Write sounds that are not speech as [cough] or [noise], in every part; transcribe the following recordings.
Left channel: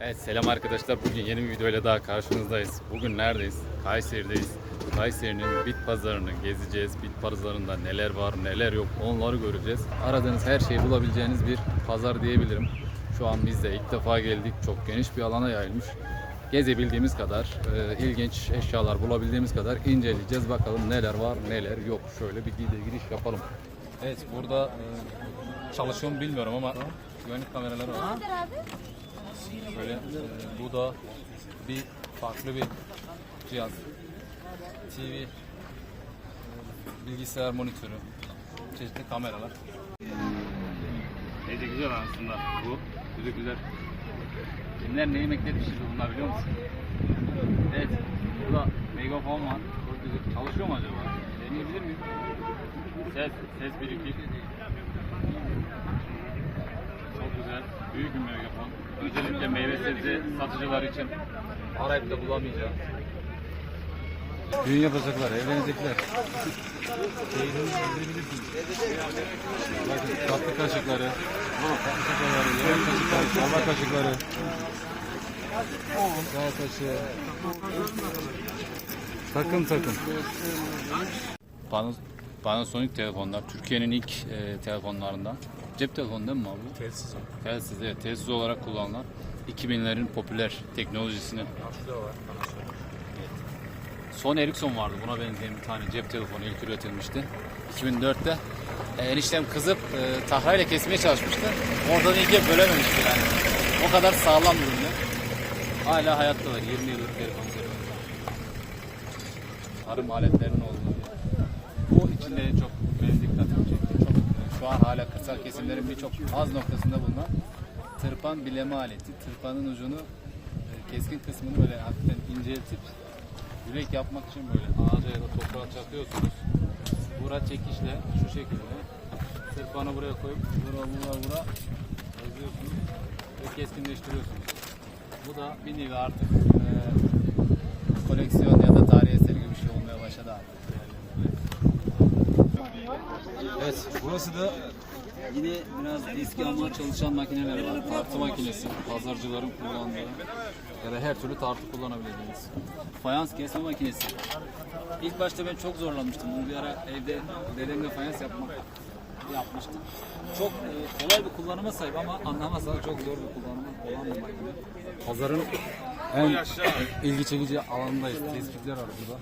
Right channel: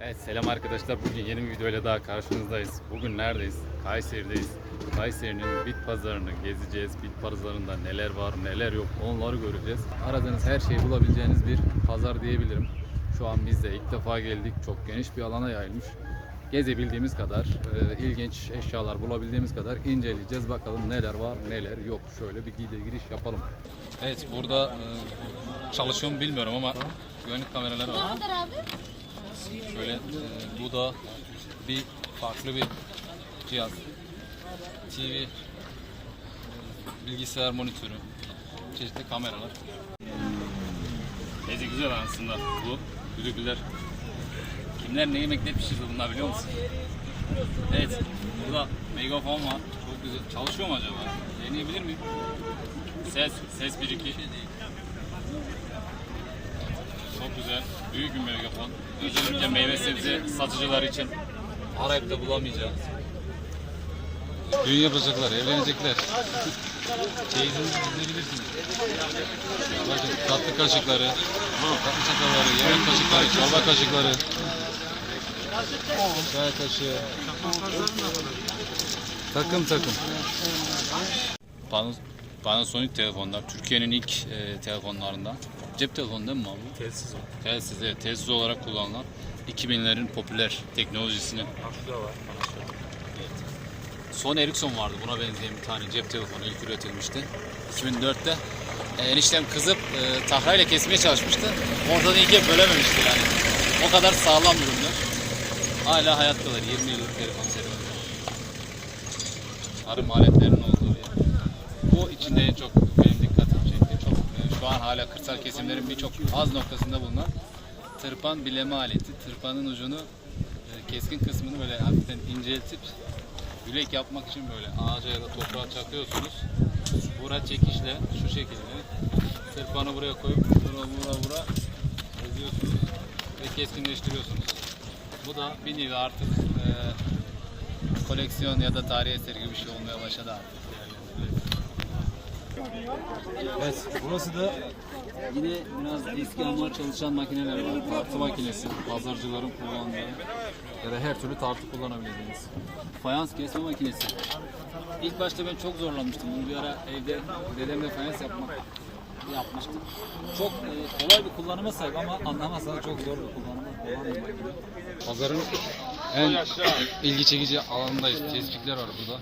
Evet selam arkadaşlar. Bugün yeni bir videoyla daha karşınızdayız. Bugün neredeyiz? Kayseri'deyiz. Kayseri'nin bit pazarını gezeceğiz. Bit pazarında neler var neler yok onları göreceğiz. Aradığınız her şeyi bulabileceğiniz bir pazar diyebilirim. Şu an biz de ilk defa geldik. Çok geniş bir alana yayılmış. Gezebildiğimiz kadar, e, ilginç eşyalar bulabildiğimiz kadar inceleyeceğiz. Bakalım neler var neler yok. Şöyle bir gide giriş yapalım. Evet burada e, çalışıyor mu bilmiyorum ama güvenlik kameraları var. Şöyle e, bu da bir farklı bir cihaz. TV, e, bilgisayar monitörü, çeşitli kameralar. Neyse güzel aslında bu düdükler. Kimler neyi bekletmişiz bunlar biliyor musun? Evet, burada megafon var. Çok güzel. Çalışıyor mu acaba? Deneyebilir miyim? Ses, ses 1 2. Güzel. Büyük bir megafon. Özellikle meyve sebze satıcılar için arayıp da bulamayacağınız. Düğün yapacaklar, evlenecekler. Çeyizinizi dizebilirsiniz. Bakın tatlı kaşıkları, tatlı çatalları, yemek kaşıkları, çorba kaşıkları. Çay kaşığı. Takım takım. Panos- Panasonic telefonlar. Türkiye'nin ilk e, telefonlarından. Cep telefonu değil mi abi? Telsiz o. Telsiz, evet. Telsiz olarak kullanılan 2000'lerin popüler teknolojisini. Şurada var. Sony Ericsson vardı. Buna benzeyen bir tane cep telefonu ilk üretilmişti. 2004'te e, eniştem kızıp e, tahrayla kesmeye çalışmıştı. Oradan ikiye bölememişti yani. O kadar sağlam ürünler. Hala hayattalar. 20 yıllık konseri var. Tarım aletlerinin olduğu bir yer. Bu içinde çok benim dikkatimi çekti. Çok, e, şu an hala kırsal kesimlerin birçok az noktasında bulunan tırpan bileme aleti. Tırpanın ucunu e, keskin kısmını böyle hafiften inceltip yürek yapmak için böyle ağaca ya da toprağa çakıyorsunuz. Vura çekişle şu şekilde tırpanı buraya koyup vura vura vura yazıyorsunuz ve keskinleştiriyorsunuz. Bu da bir nevi artık e, koleksiyon ya da tarihi eser gibi bir şey olmaya başladı artık. Evet, burası da yine biraz eski ama çalışan makineler var. Tartı makinesi, pazarcıların kullandığı ya da her türlü tartı kullanabileceğiniz. Fayans kesme makinesi. İlk başta ben çok zorlanmıştım. Bunu bir ara evde dedemle fayans yapmak yapmıştık. Çok e, kolay bir kullanıma sahip ama anlamazsanız çok zor bir kullanıma olan bir makine. Pazarın en ilgi çekici alanındayız. Tespitler var burada.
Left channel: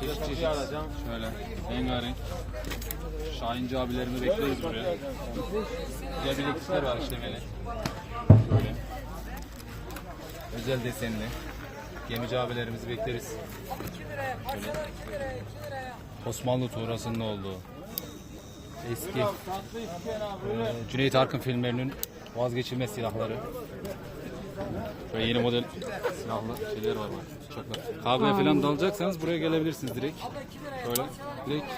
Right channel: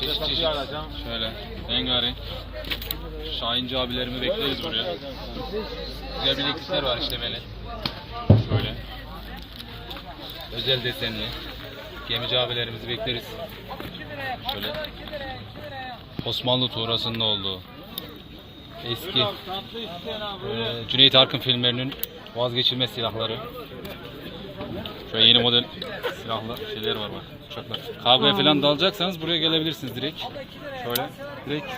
Çeşit çeşit. Şöyle rengarenk. Şahinci abilerimi bekleriz buraya. Güzel bileklikler var işlemeli. Şöyle. Özel desenli. Gemici abilerimizi bekleriz. Şöyle. Osmanlı tuğrasının olduğu. Eski e, Cüneyt Arkın filmlerinin vazgeçilmez silahları. Şöyle yeni model silahlı şeyler var bak. Uçaklar. Kavgaya falan dalacaksanız buraya gelebilirsiniz direkt. Şöyle direkt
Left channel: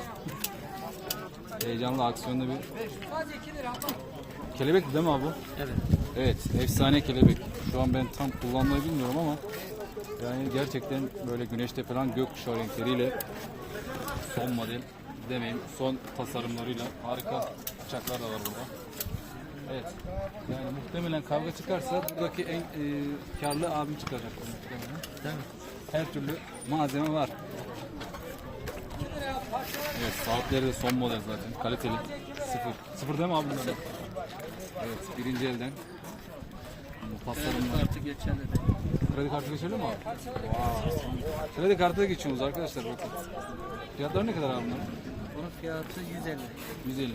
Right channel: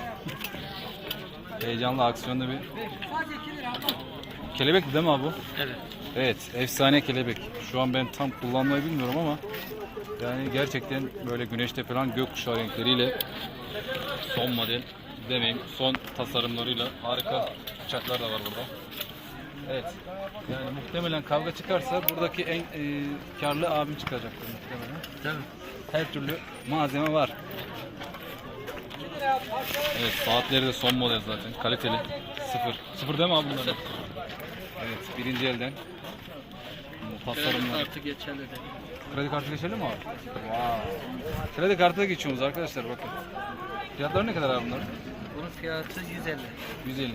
heyecanlı aksiyonlu bir kelebek değil mi abi bu? Evet. Evet, efsane kelebek. Şu an ben tam kullanmayı bilmiyorum ama yani gerçekten böyle güneşte falan gökkuşağı renkleriyle son model demeyeyim son tasarımlarıyla harika uçaklar da var burada. Evet. Yani muhtemelen kavga çıkarsa buradaki en e, karlı abim çıkacaktır muhtemelen. Tabii. Her türlü malzeme var. Evet saatleri de son model zaten. Kaliteli. Sıfır. Sıfır değil mi abi bunlar? Evet birinci elden. Kredi tasarımlar. kartı geçerli de. Kredi kartı geçerli mi abi? Wow. Kredi kartı da geçiyoruz arkadaşlar bakın. Fiyatları ne kadar abi bunların? Bunun fiyatı 150. 150.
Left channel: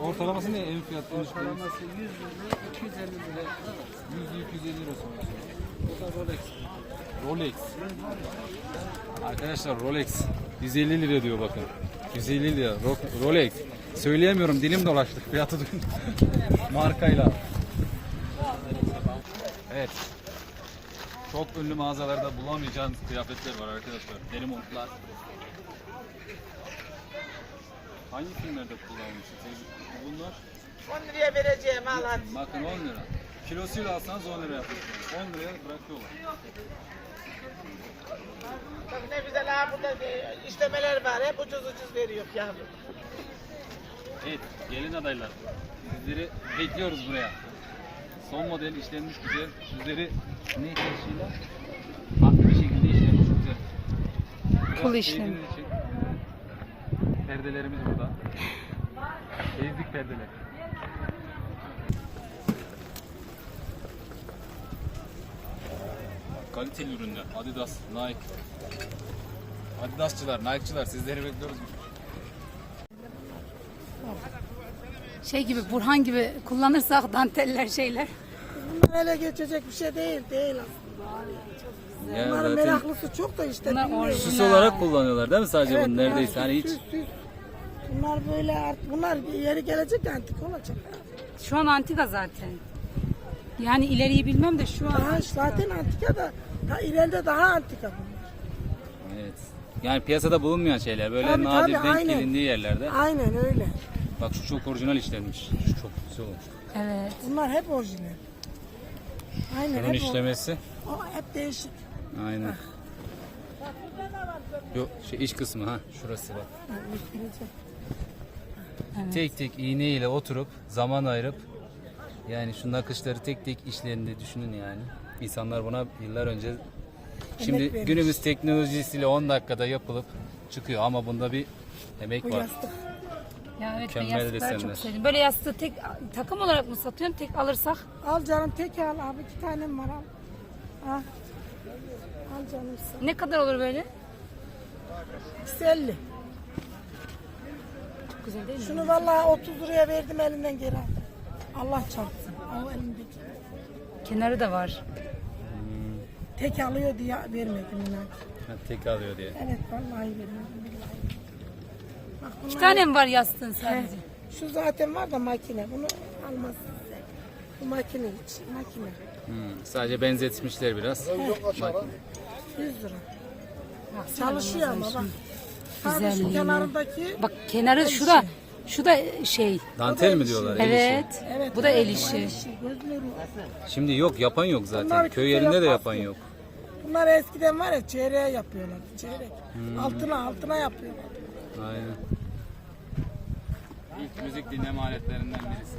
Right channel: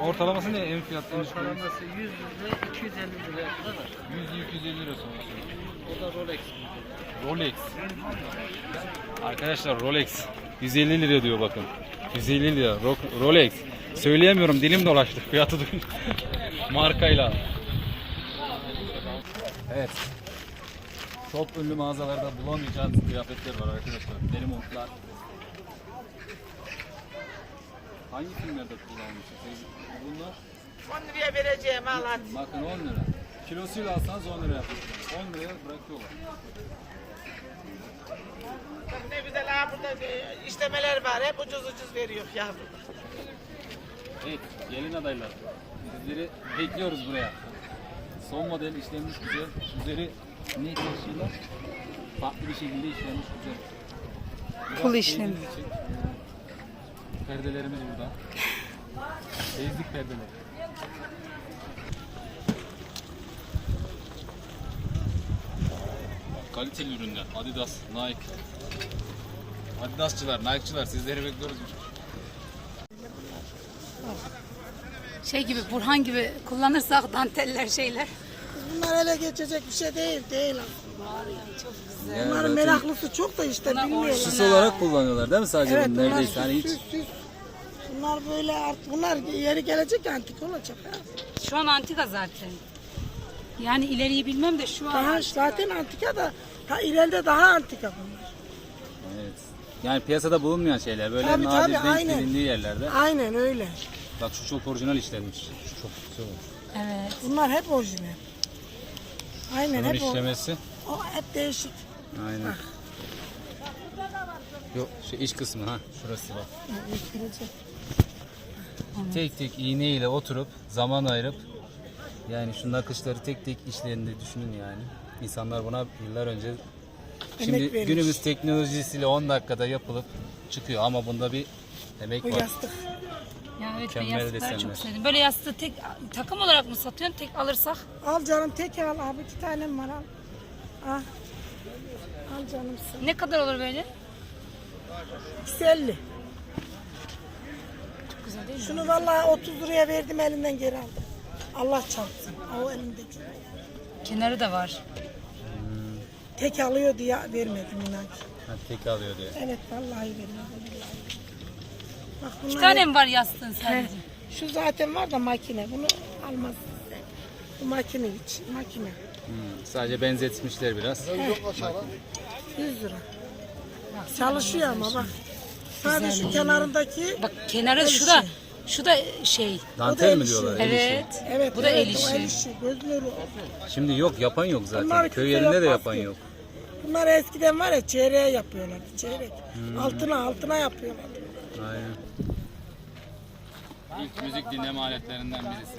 Ortalaması ne en fiyatı? Ortalaması 100 lira 250 liraya kadar var. 100-250 lira sonrası. O da Rolex. Rolex. Arkadaşlar Rolex 150 lira diyor bakın. 150 lira Ro- Rolex. Söyleyemiyorum dilim dolaştı [laughs] fiyatı duyun. [laughs] Markayla. Evet. Çok ünlü mağazalarda bulamayacağınız kıyafetler var arkadaşlar. Deri montlar. Hangi filmlerde kullanmışsınız? Bunlar 10 liraya vereceğim Allah. bakın 10 lira. Kilosuyla alsanız 10 lira yapıyorsunuz. 10 liraya bırakıyorlar. Bak ne güzel ha burada bir işlemeler var. Hep ucuz ucuz veriyor yavrum. Evet, gelin adaylar. Sizleri bekliyoruz buraya. son model işlenmiş güzel. Üzeri ne taşıyla farklı bir şekilde işlenmiş güzel. Biraz işlemi. sevdiğiniz için, Perdelerimiz burada. Bezlik perdeler. Kaliteli ürünler. Adidas, Nike. Adidasçılar, Nike'çılar sizleri bekliyoruz. Şey gibi Burhan gibi kullanırsak danteller şeyler. Bunlar ele geçecek bir şey değil, değil aslında. Ya Bunların meraklısı çok da işte bilmiyorum. süs olarak kullanıyorlar değil mi sadece Evet, bunu bunlar neredeyse hani hiç süs, süs. Bunlar böyle artık, bunlar yeri gelecek antik olacak. ha. Şu an antika zaten. Yani ileriyi bilmem de şu an. Daha zaten antika da, daha ileride daha antika bunlar. Evet. Yani piyasada bulunmayan şeyler böyle Tabii, nadir tabii, denk aynen. gelindiği yerlerde. Aynen öyle. Bak şu çok orijinal işlenmiş. Şu çok güzel olmuş. Evet. Bunlar hep orijinal. Aynen Bunun hep, o, işlemesi. o hep değişik. Aynen. Yok şu iç kısmı ha şurası bak. Gösterecek. Tek tek iğne ile oturup zaman ayırıp yani şu nakışları tek tek işlerinde düşünün yani. İnsanlar buna yıllar önce şimdi vermiş. günümüz teknolojisiyle 10 dakikada yapılıp çıkıyor ama bunda bir emek Bu var. yastık. Ya evet ben Mükemmel yastıkları desenler. çok sevdim. Böyle yastığı tek takım olarak mı satıyorsun? Tek alırsak Al canım tek al abi iki tanem var al. Al. Al canım sen. ne kadar olur böyle? İkisi 50. Güzel değil mi? Şunu vallahi 30 liraya verdim elinden geri aldım. Allah çarpsın. O elindeki. Kenarı da var. Tek alıyor diye vermedim inan ki. Ha, tek alıyor diye. Evet vallahi vermedim. Bak bunlar Bir tane mi var yastığın sadece? Şu zaten var da makine. Bunu almazsın sen. Bu makine için. Makine. Hmm, sadece benzetmişler biraz. 100 lira. Çalışıyor ama bak. Sadece şu kenarındaki Bak kenarı şu da şu da şey. Dantel mi diyorlar? el işi? Evet. Evet, Bu da evet, el o işi. Şimdi yok yapan yok zaten. Bunlar Köy yerinde de yapan yok. Bunlar eskiden var ya çeyreğe yapıyorlar. Çeyrek. Hmm. Altına altına yapıyorlar. Aynen. İlk müzik dinleme aletlerinden birisi.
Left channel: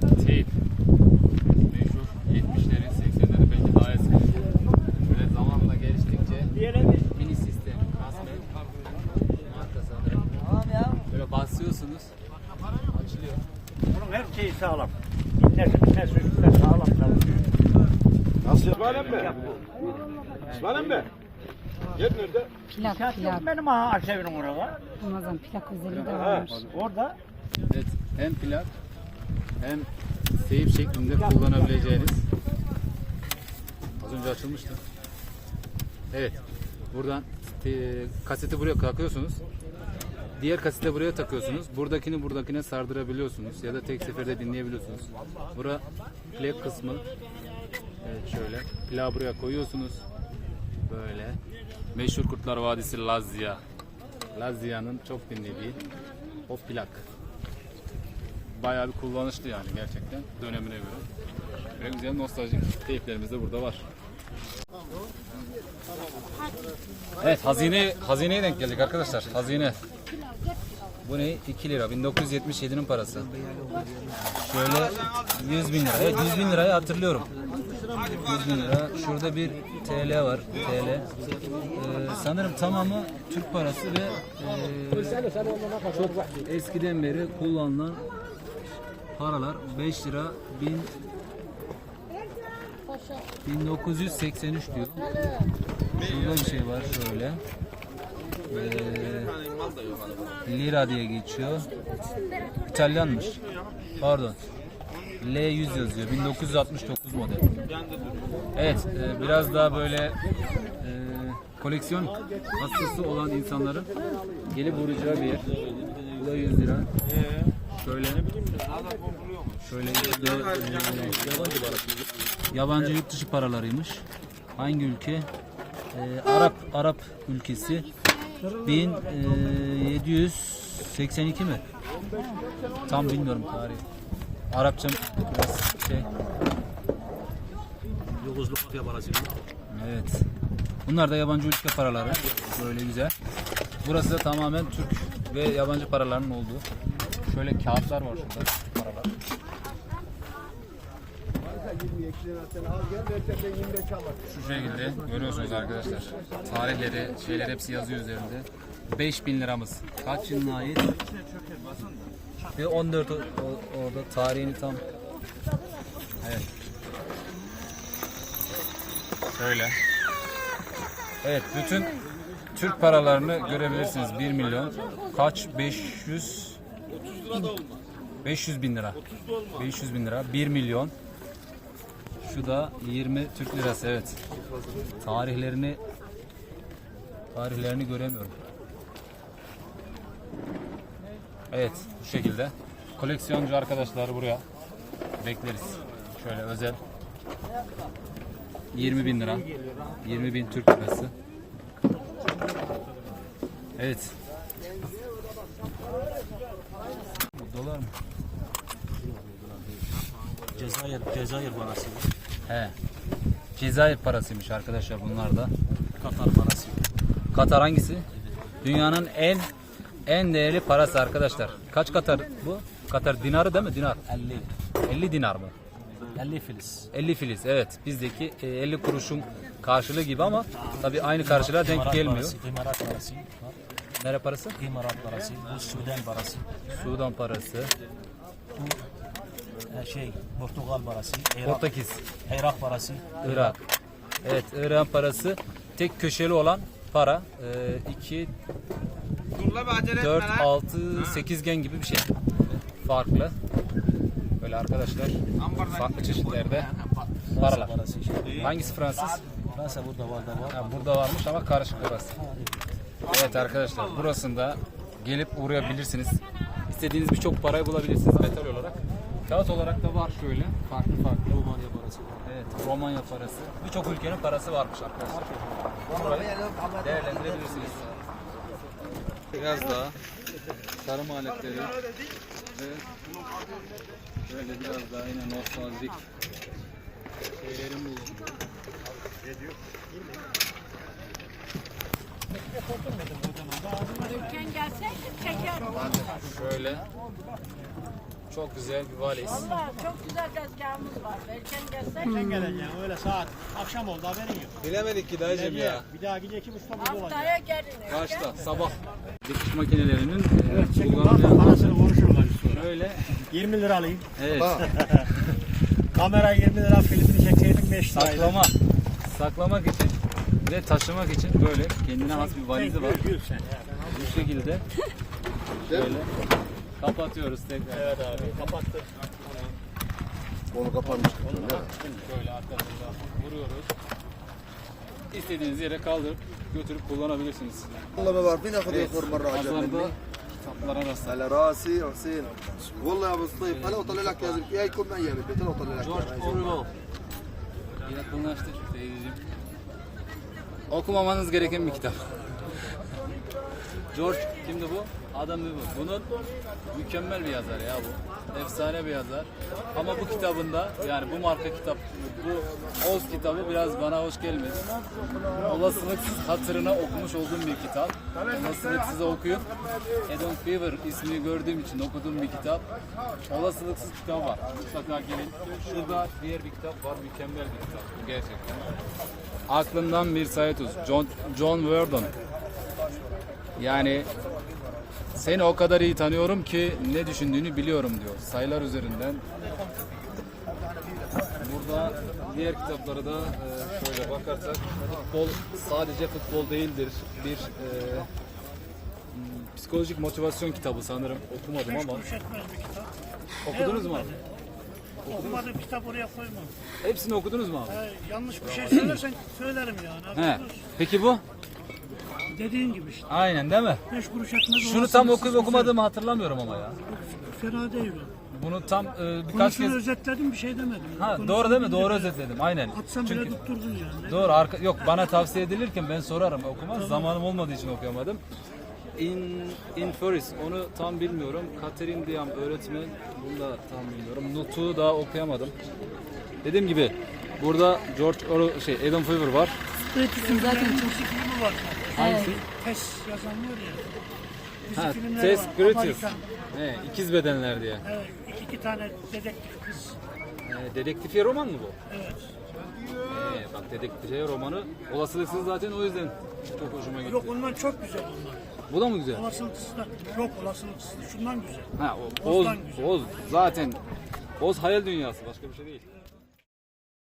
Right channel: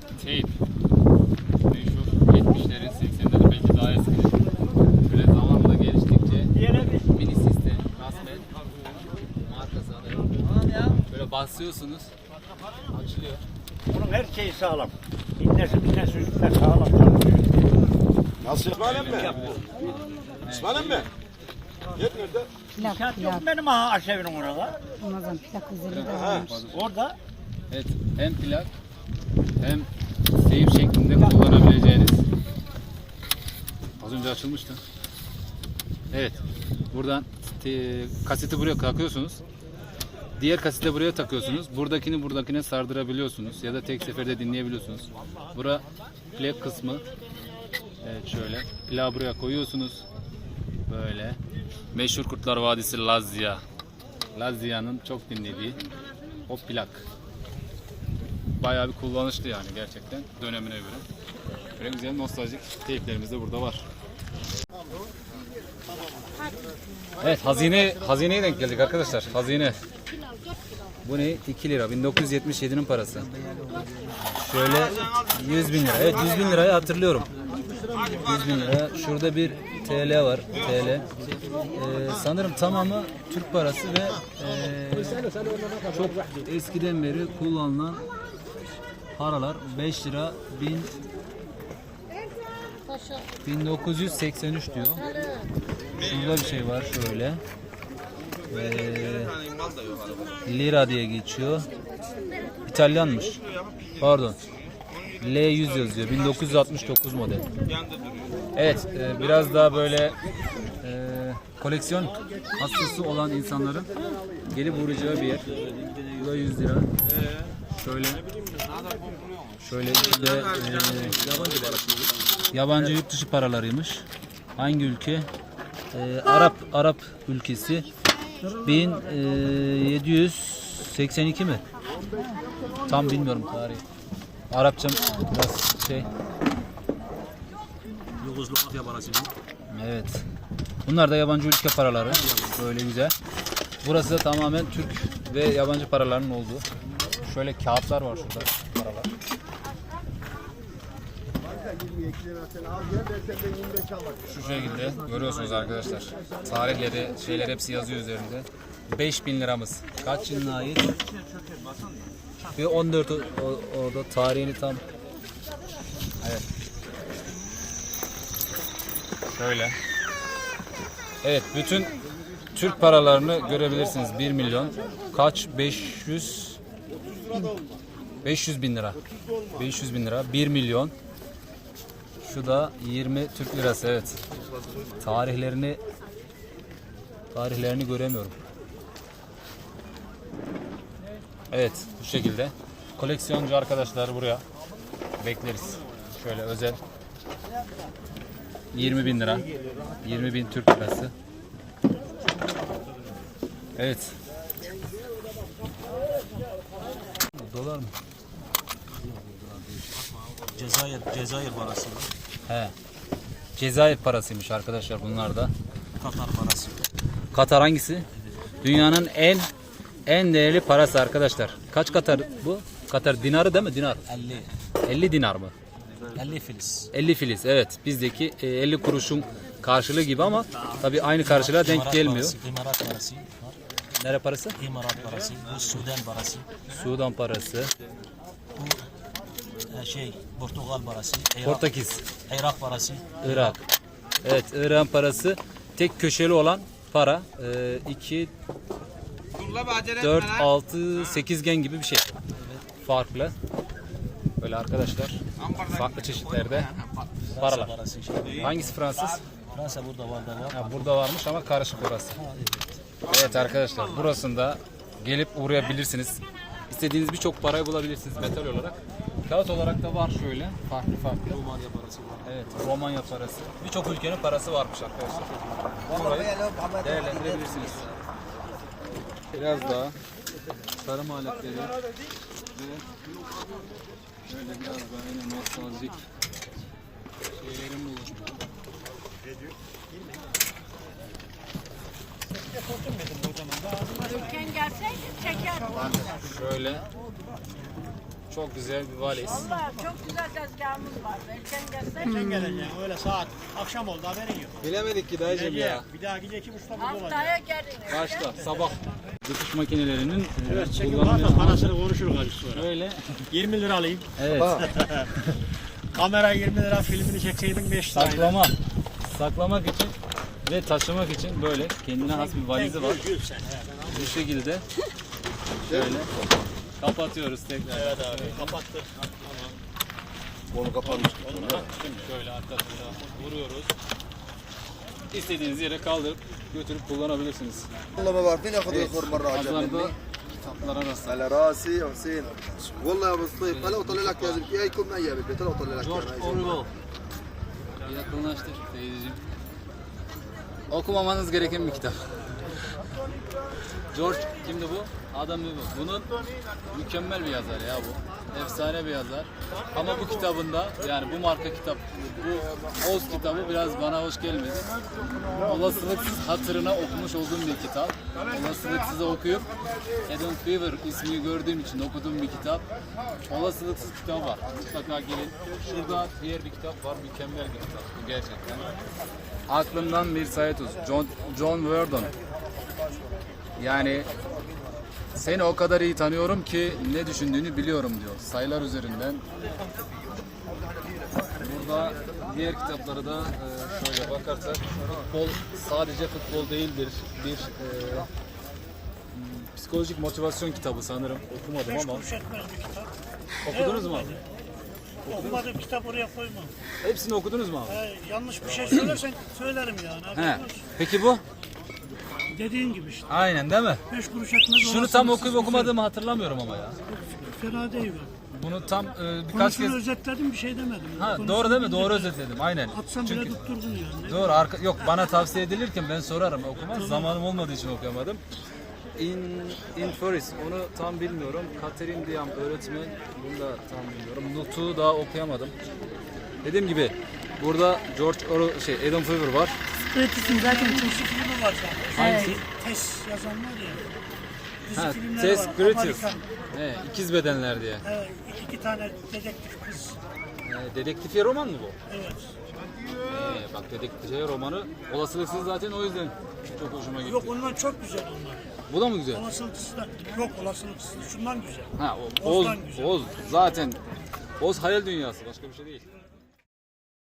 Tape. Meşhur 70'lerin 80'lerin belki daha eskidir. Böyle basıyorsunuz, açılıyor. Bunun her şeyi sağlam. İğnesi bitesi üstüne sağlam. Nasıl? İsmail'im mi? İsmail'im mi? Yer nerede? Plak plak. yok benim ha aşevinin orada. Ramazan plak özelliği de varmış. Orada Evet, hem plak hem teyip şeklinde kullanabileceğiniz. Az önce açılmıştı. Evet, buradan te- kaseti buraya takıyorsunuz. Diğer kaseti de buraya takıyorsunuz. Buradakini buradakine sardırabiliyorsunuz ya da tek seferde dinleyebiliyorsunuz. Bura plak kısmı. Evet şöyle. Plağı buraya koyuyorsunuz. Böyle. Meşhur Kurtlar Vadisi Lazya. Lazya'nın çok dinlediği o plak bayağı bir kullanışlı yani gerçekten dönemine göre. Böyle güzel nostaljik teyplerimiz de burada var. Evet hazine hazineye denk geldik arkadaşlar. Hazine. Bu ne? 2 lira. 1977'nin parası. Şöyle 100 bin lira. Evet 100 bin lirayı hatırlıyorum. 100 bin lira. Şurada bir TL var. TL. Ee, sanırım tamamı Türk parası ve ee, çok eskiden beri kullanılan paralar 5 lira 1000 1983 diyor. Şurada bir şey var şöyle. Ee, lira diye geçiyor. İtalyanmış. Pardon. L100 yazıyor. 1969 model. Evet, e, biraz daha böyle e, koleksiyon hastası olan insanların gelip uğrayacağı bir yer. Bu da 100 lira. Şöyle Şöyle işte yabancı Yabancı yurt dışı paralarıymış. Hangi ülke? Ee, Arap Arap ülkesi. 1782 mi? Tam bilmiyorum tarihi. Arapçam biraz şey. Yugoslavya parası. Evet. Bunlar da yabancı ülke paraları. Böyle güzel. Burası da tamamen Türk ve yabancı paraların olduğu. Şöyle kağıtlar var şurada. Paralar. Şu şekilde görüyorsunuz arkadaşlar. Tarihleri, şeyler hepsi yazıyor üzerinde. 5000 liramız. Kaç yılına ait? Ve 14 o- o- orada tarihini tam. Evet. Şöyle. Evet bütün Türk paralarını görebilirsiniz. 1 milyon. Kaç? 500 500 bin lira. 500 bin lira. 1 milyon. Şu da 20 Türk lirası evet. Tarihlerini tarihlerini göremiyorum. Evet bu şekilde. Koleksiyoncu arkadaşlar buraya bekleriz. Şöyle özel. 20 bin lira. 20 bin Türk lirası. Evet. Dolar mı? Cezayir, Cezayir parası. He. Cezayir parasıymış arkadaşlar bunlar da. Katar parası. Katar hangisi? Dünyanın en en değerli parası arkadaşlar. Kaç Katar bu? Katar dinarı değil mi? Dinar. 50. 50 dinar mı? 50 filiz. 50 filiz. Evet. Bizdeki e, 50 kuruşun karşılığı gibi ama tabii aynı karşılığa denk gelmiyor. İmarat parası. Nere parası? İmarat parası. Bu Sudan parası. Sudan parası. Şey, Portugal parası. Irak, Portekiz. Irak parası. Irak. Evet, İran parası tek köşeli olan para. 2 4 6 8 gen gibi bir şey. Farklı. Böyle arkadaşlar farklı çeşitlerde Fransa paralar. parası. Şey. Hangisi Fransız? Fransa burada var da var. Ha, burada varmış ama karışık burası. Evet arkadaşlar burasında gelip uğrayabilirsiniz. İstediğiniz birçok parayı bulabilirsiniz metal olarak. Kağıt olarak da var şöyle farklı farklı. Romanya parası var. Evet, Romanya parası. Birçok ülkenin parası varmış arkadaşlar. Burayı değerlendirebilirsiniz. Biraz daha tarım aletleri ve böyle biraz daha yine nostaljik şeylerin bulunduğu. Şöyle çok güzel bir valiz. Çok güzel tezgahımız var. Erken gelsek Geleceğim öyle saat akşam oldu haberin yok. Bilemedik ki dayıcım ya. Bir daha gece iki buçukta burada olacak. haftaya gelin. Başla sabah. Dikiş makinelerinin Evet çekim kullanımı var da parasını konuşuruz azıcık sonra. Şöyle 20 lira alayım. evet [laughs] Kamera 20 lira filmini çekseydim 5 lira. saklama saklamak için ve taşımak için böyle kendine has bir valizi var. Gül sen ya. Bu şekilde şöyle kapatıyoruz tekrar. Evet abi kapattı. Onu kapanmış. Şöyle arkasında vuruyoruz. İstediğiniz yere kaldırıp götürüp kullanabilirsiniz. والله ما بعرفين اخذ الفور مره على Pazarda kitaplara da sahip. على راسي يا حسين والله يا ابو الصيف هلا وطلع لك يا زلمه هاي يكون معي بالبيت هلا وطلع لك إياها. Yakınlaştır teyzeciğim. Okumamanız gereken bir kitap. George kimdi bu? Adam bu. Bunun mükemmel bir yazar ya bu. Efsane bir yazar. Ama bu kitabında yani bu marka kitap bu Oz kitabı biraz bana hoş gelmedi. Olasılıksız hatırına okumuş olduğum bir kitap. Olasılıksız okuyup Adam Fever ismini gördüğüm için okuduğum bir kitap. Olasılıksız kitap var. Mutlaka gelin. Şurada diğer bir kitap var. Mükemmel bir kitap bu gerçekten. Aklımdan bir olsun. John, John Verdon. Yani seni o kadar iyi tanıyorum ki ne düşündüğünü biliyorum diyor. Sayılar üzerinden. Burada diğer kitaplara da e, şöyle bakarsak futbol sadece futbol değildir. Bir e, psikolojik motivasyon kitabı sanırım. Okumadım ama. Okudunuz mu abi? Okumadığım kitap oraya koyma. Hepsini okudunuz mu abi? Ha, yanlış bir şey söylersen söylerim yani. He. Peki bu? Dediğin gibi işte. Aynen değil mi? Beş kuruş etmez. Şunu tam okuyup okumadığımı hatırlamıyorum ama ya. Fena değil o. Bunu tam e, birkaç Konusunu kez... özetledim bir şey demedim. Ha, Konusunu doğru değil mi? Doğru özetledim. Aynen. Bile Çünkü tutturdun yani. doğru arka yok bana tavsiye edilirken ben sorarım okumaz. Zamanım olmadığı için okuyamadım. In Inferis onu tam bilmiyorum. Katerin Diam öğretmen bunu da tam bilmiyorum. Nutuk'u daha okuyamadım. Dediğim gibi burada George Orwell şey Adam Fever var. Kritis'in zaten çok. Evet. Test yazan var ya. Dizi Ha, filmleri Tess var. Griffith. Amerikan. He, ikiz bedenler diye. Evet, iki, iki tane dedektif kız. Yani dedektifiye roman mı bu? Evet. Ee, bak dedektifiye romanı olasılıksız zaten o yüzden çok hoşuma gitti. Yok ondan çok güzel onlar. Bu da mı güzel? Olasılıksız da yok olasılıksız. Şundan güzel. Ha, o, Oz, Oz'dan güzel. Oz zaten Oz hayal dünyası başka bir şey değil.